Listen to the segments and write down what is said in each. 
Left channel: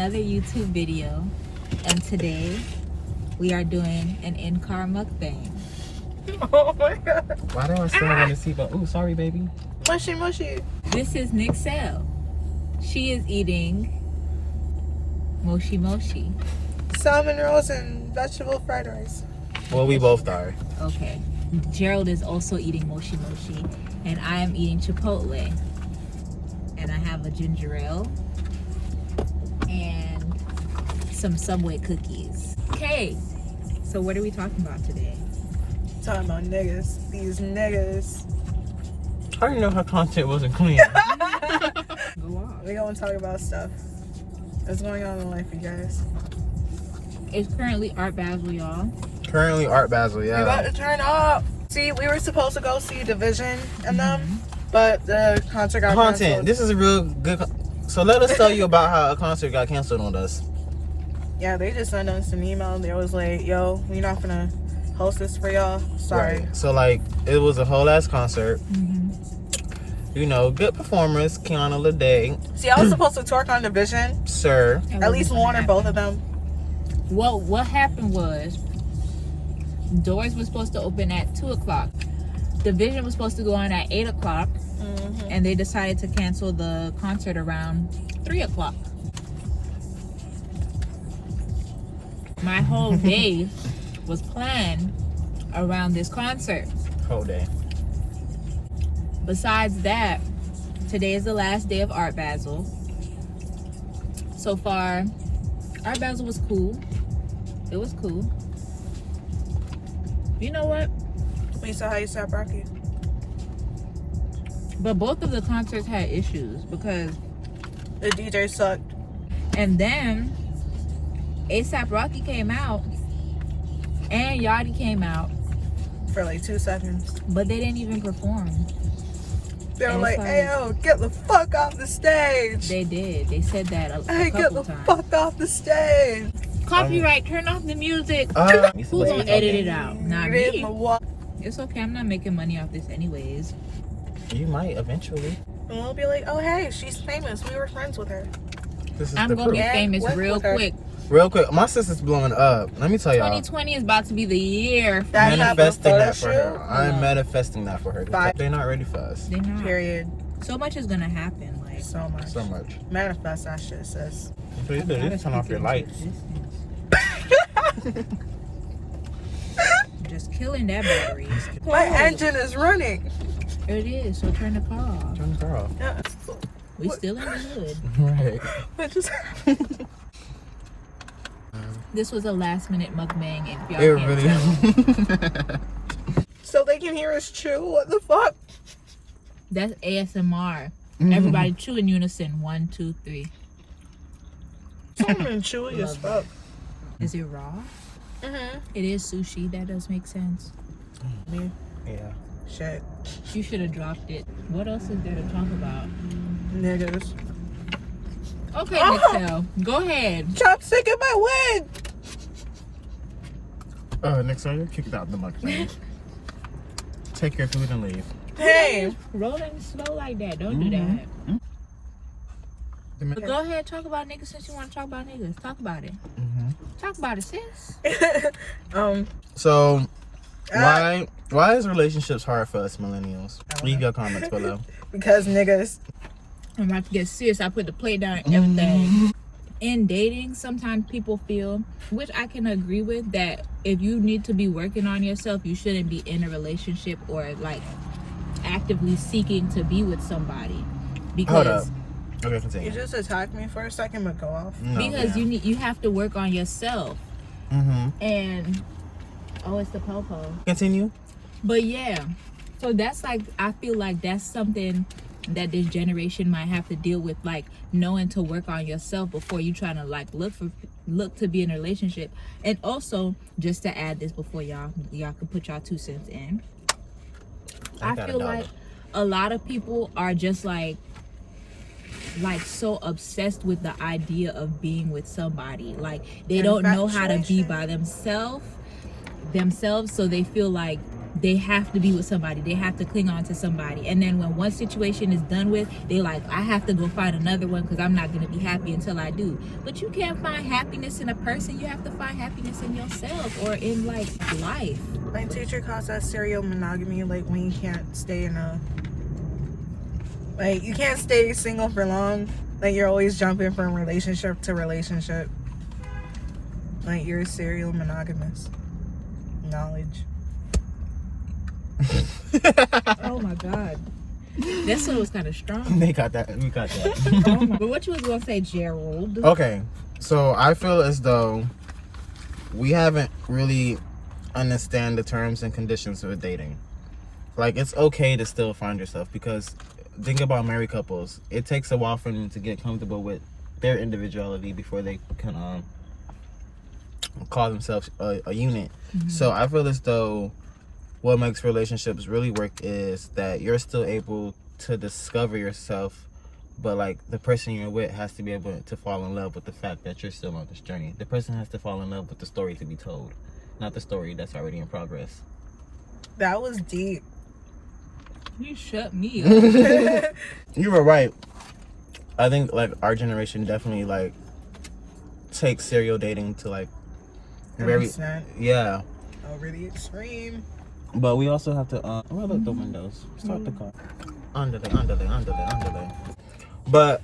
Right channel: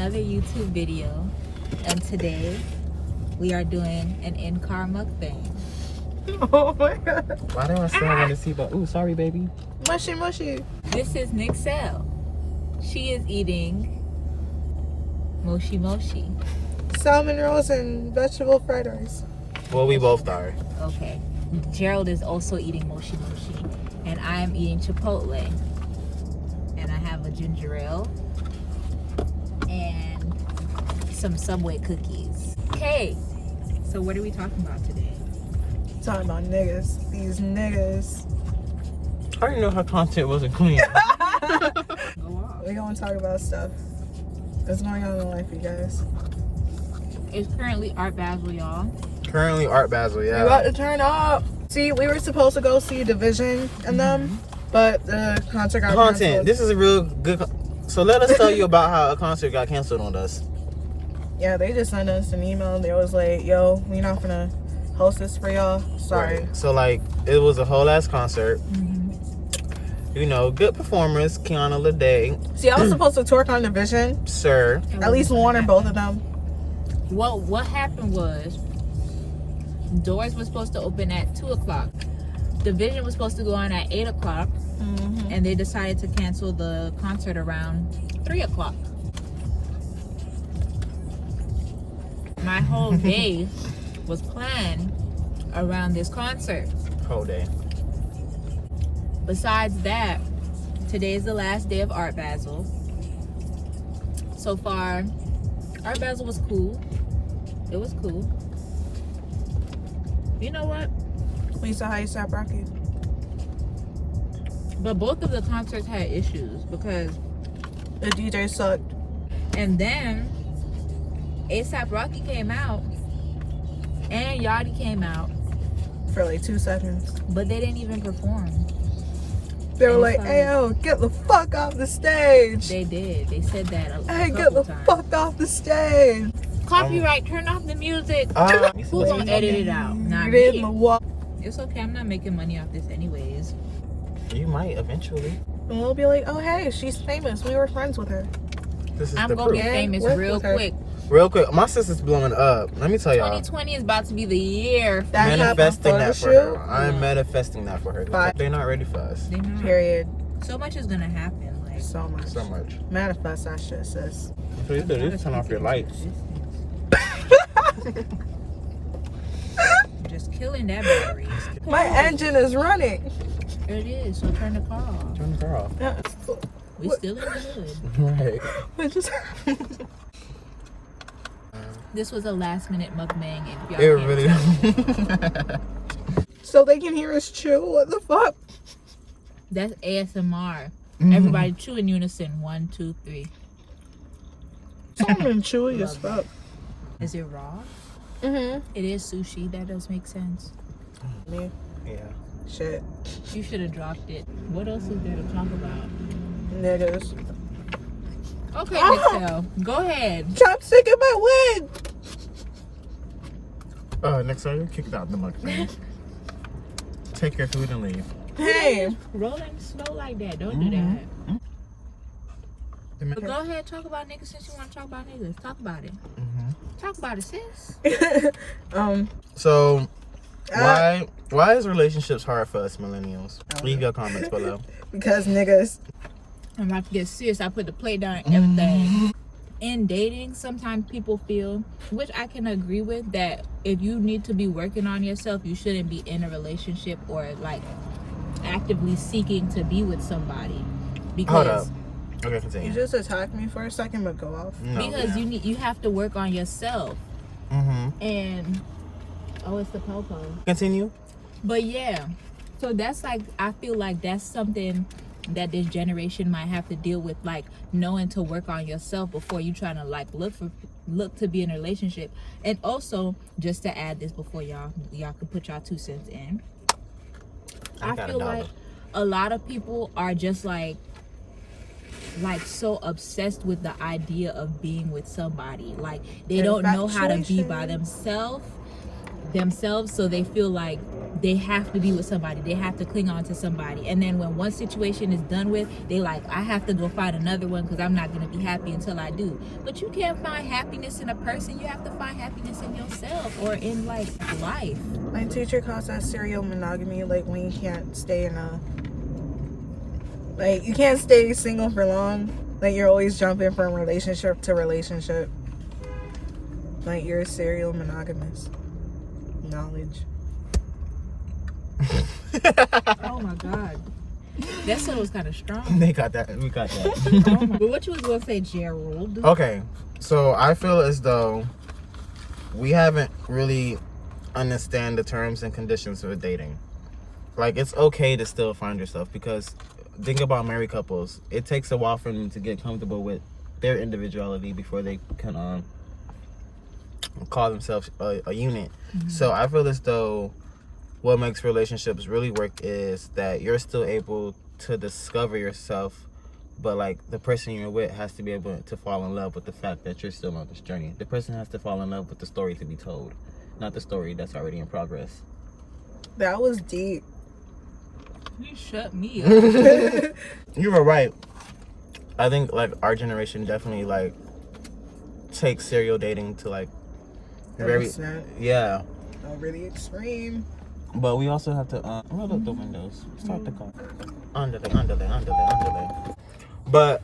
another YouTube video, and today we are doing an in-car mukbang. Oh my god. Why do I still want to see? But ooh, sorry, baby. Mushy, mushy. This is Nixelle. She is eating moshi moshi. Salmon rolls and vegetable fried rice. Well, we both are. Okay. Gerald is also eating moshi moshi, and I am eating chipotle. And I have a ginger ale and some Subway cookies. Okay, so what are we talking about today? Talking about niggas. These niggas. I didn't know her content wasn't clean. Go on. We gonna talk about stuff that's going on in life, you guys. It's currently Art Basel, y'all. Currently, Art Basel, We about to turn up. See, we were supposed to go see Division and them, but the concert got Content. canceled. This is a real good. So let us tell you about how a concert got canceled on us. Yeah, they just sent us an email and they was like, yo, we're not gonna host this for y'all. Sorry. Right. So like, it was a whole ass concert. You know, good performers. Kiana Lede, See, I was supposed to tour on Division. Sir. At least one or both of them. Well, what happened was, doors were supposed to open at 2 o'clock. Division was supposed to go on at 8 o'clock. And they decided to cancel the concert around 3 o'clock. My whole day was planned around this concert. Whole day. Besides that, today is the last day of Art Basel. So far, Art Basel was cool. It was cool. You know what? We saw how you stopped Rocky. But both of the concerts had issues because, The DJ sucked. and then ASAP Rocky came out and Yachty came out, For like 2 seconds. but they didn't even perform. They were And like, it's hey, yo, get the fuck off the stage. They did. They said that a Hey, get couple the times. fuck off the stage. Copyright, turn off the music. Who's gonna edit it out? Not Read me. my walk. It's okay. I'm not making money off this anyways. You might eventually. And we'll be like, oh, hey, she's famous. We were friends with her. This is I'm the gonna be proof. famous work real with her. quick. Real quick, my sister's blowing up. Let me tell y'all. 2020 is about to be the year. That Manifesting that for her. shoot. I'm Yeah. manifesting that for her. Bye. They're not ready for us. They're not. Period. So much is gonna happen. Like, So much. So much. Manifest that shit, sis. So you could turn off your lights. Just killing that battery. My engine is running. It is. So turn the car off. Turn the car off. Yeah. We still in the hood. Right. I just... This was a last minute mukbang. If y'all It can't really. tell. So they can hear us chew? What the fuck? That's ASMR. Everybody chew in unison. 1, 2, 3. Something chewy as fuck. Is it raw? Mm-hmm. It is sushi. That does make sense. Yeah. Yeah. Shit. You should have dropped it. What else is there to talk about? Niggas. Okay, Nixelle, go ahead. Chopstick in my wig. Nixelle, you're kicked out the mukbang. Take your food and leave. Hey. Rolling slow like that. Don't do that. But go ahead, talk about niggas since you want to talk about niggas. Talk about it. Talk about it, sis. So, why is relationships hard for us millennials? Leave your comments below. Because niggas. I'm about to get serious. I put the plate down and everything. In dating, sometimes people feel, which I can agree with, that if you need to be working on yourself, you shouldn't be in a relationship or like actively seeking to be with somebody. Hold up. Because Okay, continue. You just attacked me for a second, but go off. No. because you have to work on yourself. And it's the popo. Continue. But yeah, so that's like, I feel like that's something that this generation might have to deal with, like knowing to work on yourself before you trying to like look to be in a relationship. And also, just to add this before y'all can put y'all 2 cents in, I feel like a lot of people are just like so obsessed with the idea of being with somebody. Like they don't know how to be by themselves, so they feel like they have to be with somebody. They have to cling on to somebody. And then when one situation is done with, they like, I have to go find another one because I'm not going to be happy until I do. But you can't find happiness in a person. You have to find happiness in yourself or in like life. My teacher calls that serial monogamy, like when you can't stay in a, like you can't stay single for long. Like you're always jumping from relationship to relationship. Like you're serial monogamous. Knowledge. Oh my God. That one was kind of strong. They got that. We got that. Oh my, but what you was going to say, Gerald? Okay, so I feel as though we haven't really understand the terms and conditions of dating. Like, it's okay to still find yourself, because think about married couples. It takes a while for them to get comfortable with their individuality before they can call themselves a unit. Mm-hmm. So I feel as though what makes relationships really work is that you're still able to discover yourself, but like the person you're with has to be able to fall in love with the fact that you're still on this journey. The person has to fall in love with the story to be told, not the story that's already in progress. That was deep. You shut me up. You were right. I think like our generation definitely like takes serial dating to like very, yeah, really extreme. But we also have to roll up the windows, start the car, under. But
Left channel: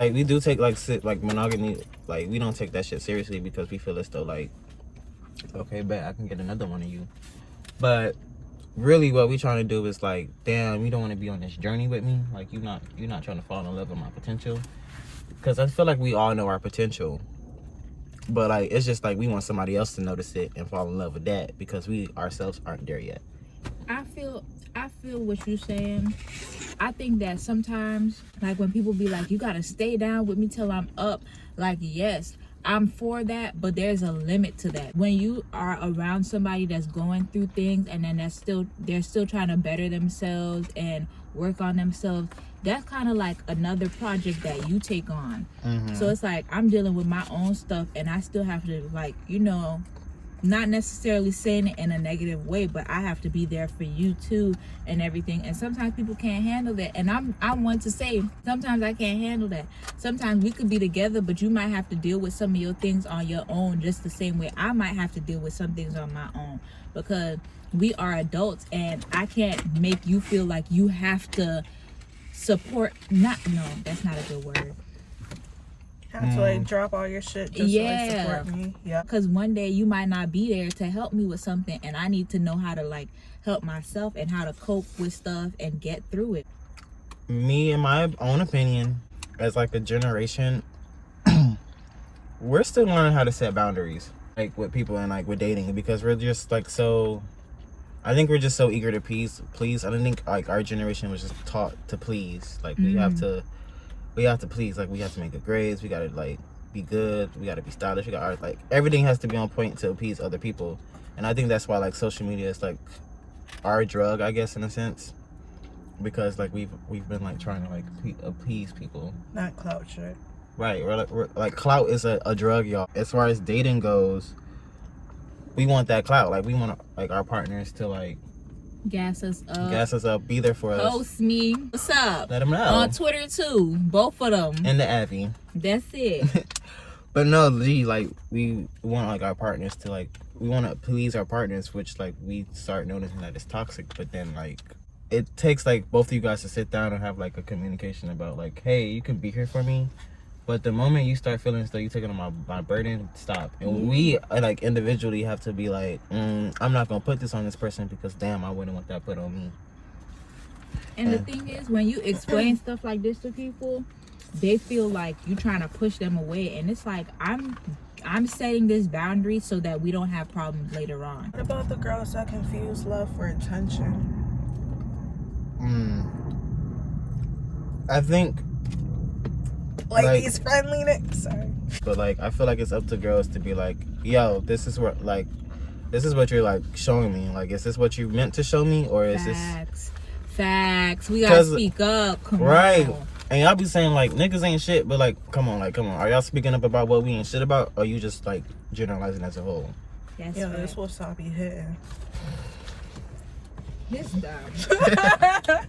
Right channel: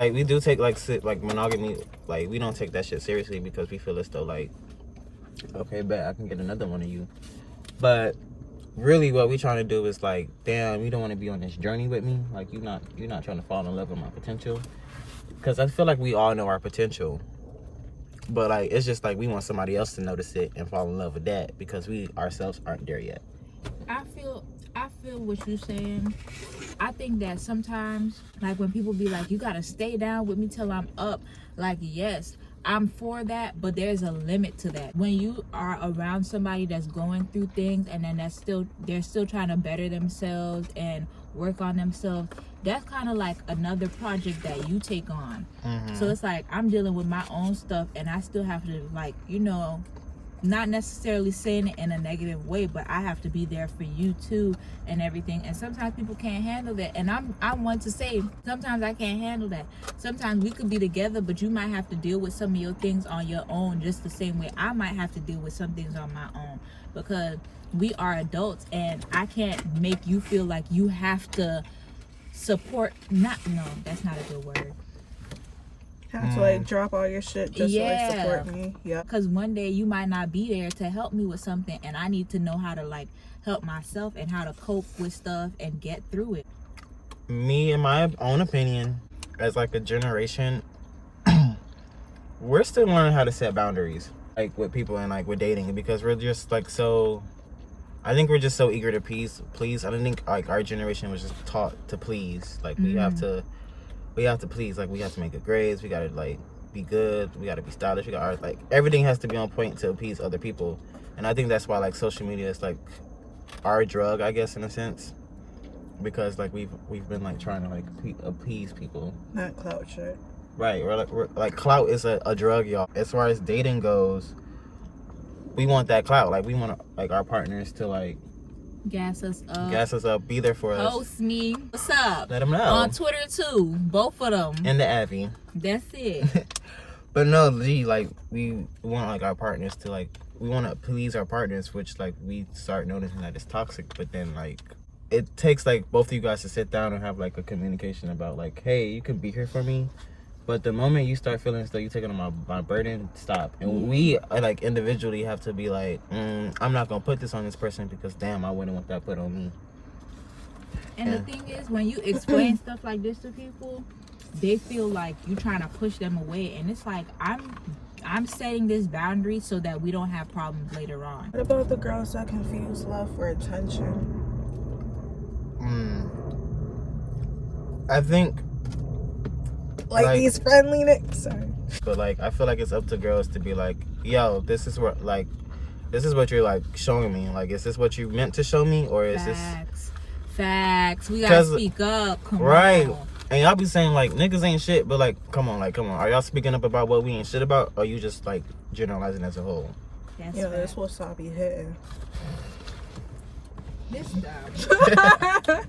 like we do take like monogamy, like we don't take that shit seriously because we feel as though like, okay, bet I can get another one of you. But really what we trying to do is like, damn, you don't want to be on this journey with me. Like you're not trying to fall in love with my potential, because I feel like we all know our potential. But like it's just like we want somebody else to notice it and fall in love with that, because we ourselves aren't there yet. I feel what you're saying. I think that sometimes, like when people be like, you gotta stay down with me till I'm up, like, yes, I'm for that, but there's a limit to that. When you are around somebody that's going through things and then they're still trying to better themselves and work on themselves, that's kind of like another project that you take on. Mm-hmm. So it's like I'm dealing with my own stuff and I still have to, like, you know, not necessarily saying it in a negative way, but I have to be there for you too and everything. And sometimes people can't handle that. And I want to say, sometimes I can't handle that. Sometimes we could be together, but you might have to deal with some of your things on your own, just the same way I might have to deal with some things on my own, because we are adults and I can't make you feel like you have to support. No, that's not a good word. Have to like drop all your shit just to like support me. Yeah. Because one day you might not be there to help me with something, and I need to know how to like help myself and how to cope with stuff and get through it. Me, in my own opinion, as like a generation, we're still learning how to set boundaries, like with people and like with dating, because we're just like I think we're just so eager to please. I don't think like our generation was just taught to please. Like we have to please. Like we have to make good grades. We gotta like be good. We gotta be stylish. We got like everything has to be on point to appease other people. And I think that's why like social media is like our drug, I guess, in a sense, because like we've been like trying to like appease people. Not clout shit. Right. We're like clout is a drug, y'all. As far as dating goes, we want that clout. Like we want like our partners to like gas us up, be there for us. Post me, what's up? Let them know. On Twitter too, both of them. And the Abby. That's it. But no, like we want like our partners to like, we want to please our partners, which like we start noticing that it's toxic. But then like it takes like both of you guys to sit down and have like a communication about like, hey, you can be here for me, but the moment you start feeling as though you're taking on my burden, stop. And we like individually have to be like, I'm not gonna put this on this person because damn, I wouldn't want that put on me. And the thing is, when you explain stuff like this to people, they feel like you're trying to push them away, and it's like I'm setting this boundary so that we don't have problems later on. What about the girls that confuse love for attention? I think like these friendly nicks. Sorry. But like I feel like it's up to girls to be like, yo, this is what you're like showing me. Like, is this what you meant to show me, or is Facts. We gotta speak up. Come on. And y'all be saying like niggas ain't shit, but like come on. Are y'all speaking up about what we ain't shit about, or are you just like generalizing as a whole? That's wasabi hitting. This dumb.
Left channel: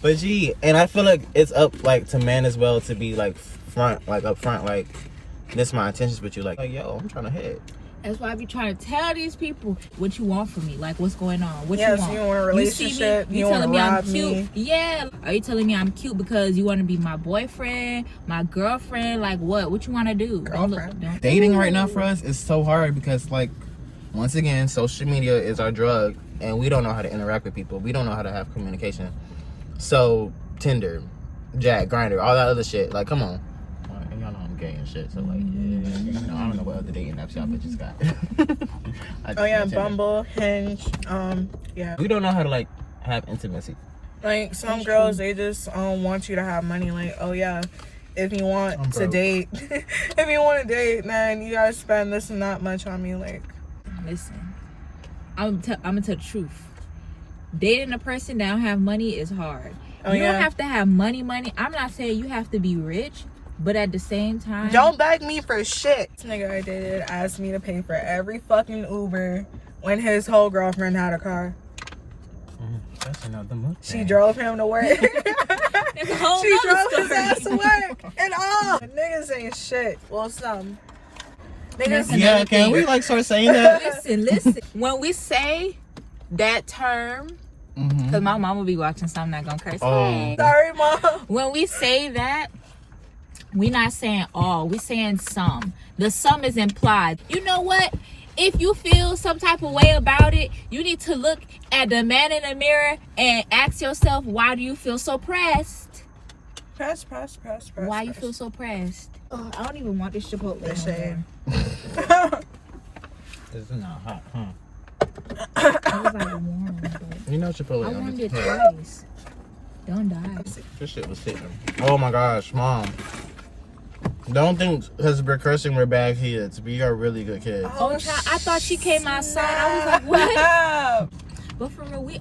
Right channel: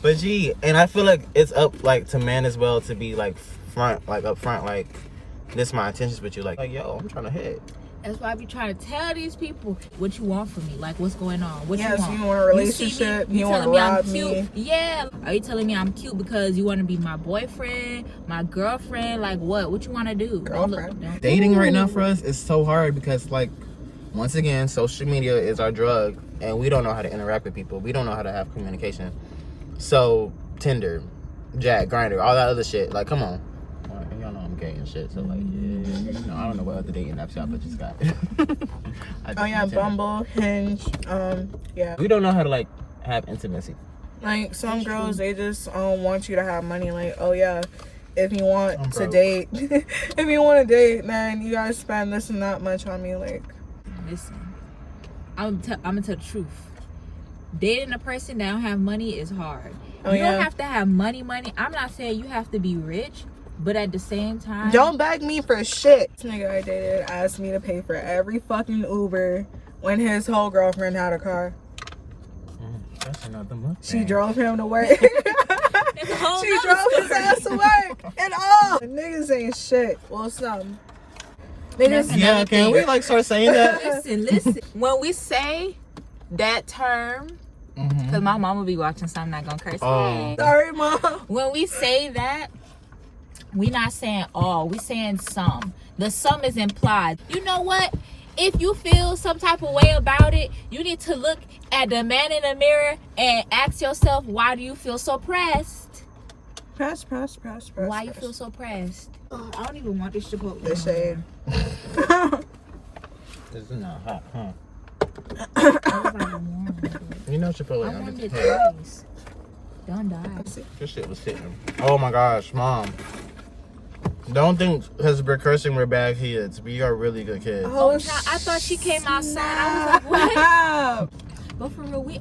But gee, and I feel like it's up like to men as well to be like up front, like this is my intentions with you, like yo, I'm trying to hit. That's why I be trying to tell these people what you want from me, like what's going on, what Yes, you want. you want a relationship. You want telling to me I'm rob cute? me. Yeah. Are you telling me I'm cute because you want to be my boyfriend, my girlfriend? Like what? What you want to do? Girlfriend. Dating right now for us is so hard because like once again, social media is our drug, and we don't know how to interact with people. We don't know how to have communication. So Tinder, Jack, Grindr, all that other shit. Like, come on. Y'all know I'm gay and shit. So like, yeah, I don't know what other dating apps y'all just got. Oh yeah, Bumble, Hinge. Yeah. We don't know how to like have intimacy. Like some girls, they just want you to have money. Like, oh yeah, if you want to date, if you want to date, man, you gotta spend this and that much on me. Like, listen, I'm gonna tell the truth. Dating a person that don't have money is hard. You don't have to have money. I'm not saying you have to be rich, but at the same time, don't beg me for shit. This nigga I dated asked me to pay for every fucking Uber when his whole girlfriend had a car. That's another month. She drove him to work. it's a whole She drove nother his ass to work and all. Niggas ain't shit. Well, some. Niggas. Yeah, can we like start saying that? Listen. When we say that term, because my mom will be watching, so I'm not gonna curse. Hey. Sorry, mom. When we say that, we not saying all. We saying some. The some is implied. You know what? If you feel some type of way about it, you need to look at the man in the mirror and ask yourself, why do you feel so pressed? Press. Why you feel so pressed? Oh, I don't even want this Chipotle. The shade. It's not hot, huh? It was like warm. You know Chipotle. I warmed it twice. Don't die. This shit was hitting. Oh my gosh, mom. Don't think because we're cursing we're bad kids. We are really good kids. Oh, I thought she came outside. I was like, what? But for real,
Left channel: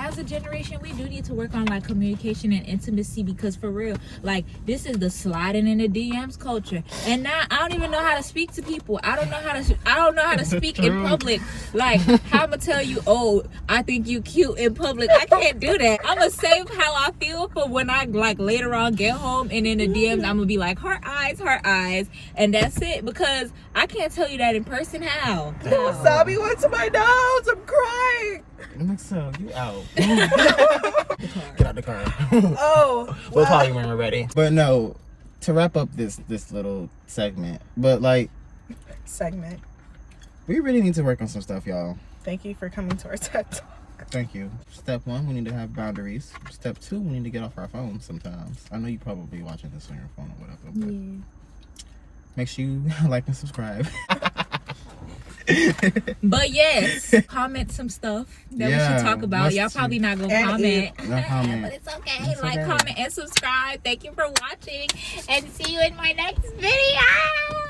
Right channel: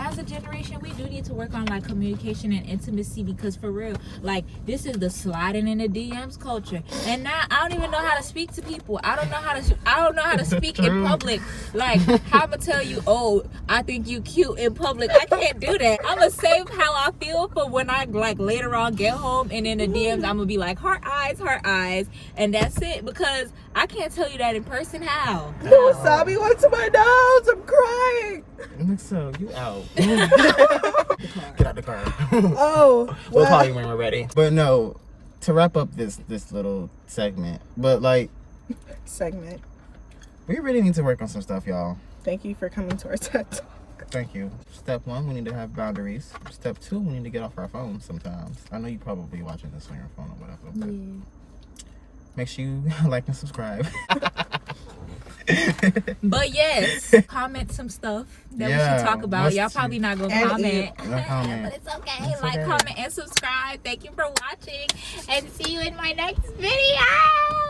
as a generation, we do need to work on like communication and intimacy, because for real, like this is the sliding in the DMs culture, and now I don't even know how to speak to people. I don't know how to speak in public. Like how I'ma tell you, oh, I think you cute in public. I can't do that. I'ma save how I feel for when I like later on get home, and in the DMs I'm gonna be like heart eyes, and that's it, because I can't tell you that in person. How? Sabi went to my nose. I'm crying. Nixelle, you out. Get out the car. Oh. We'll call you when we're ready. But no, to wrap up this little segment, but like we really need to work on some stuff, y'all. Thank you for coming to our TED Talk. Thank you. Step 1, we need to have boundaries. Step 2, we need to get off our phones sometimes. I know you probably watching this on your phone or whatever, but make sure you like and subscribe. But yes, comment some stuff that we should talk about. Y'all probably not gonna comment. No comment. But it's okay. Like, comment, and subscribe. Thank you for watching, and see you in my next video.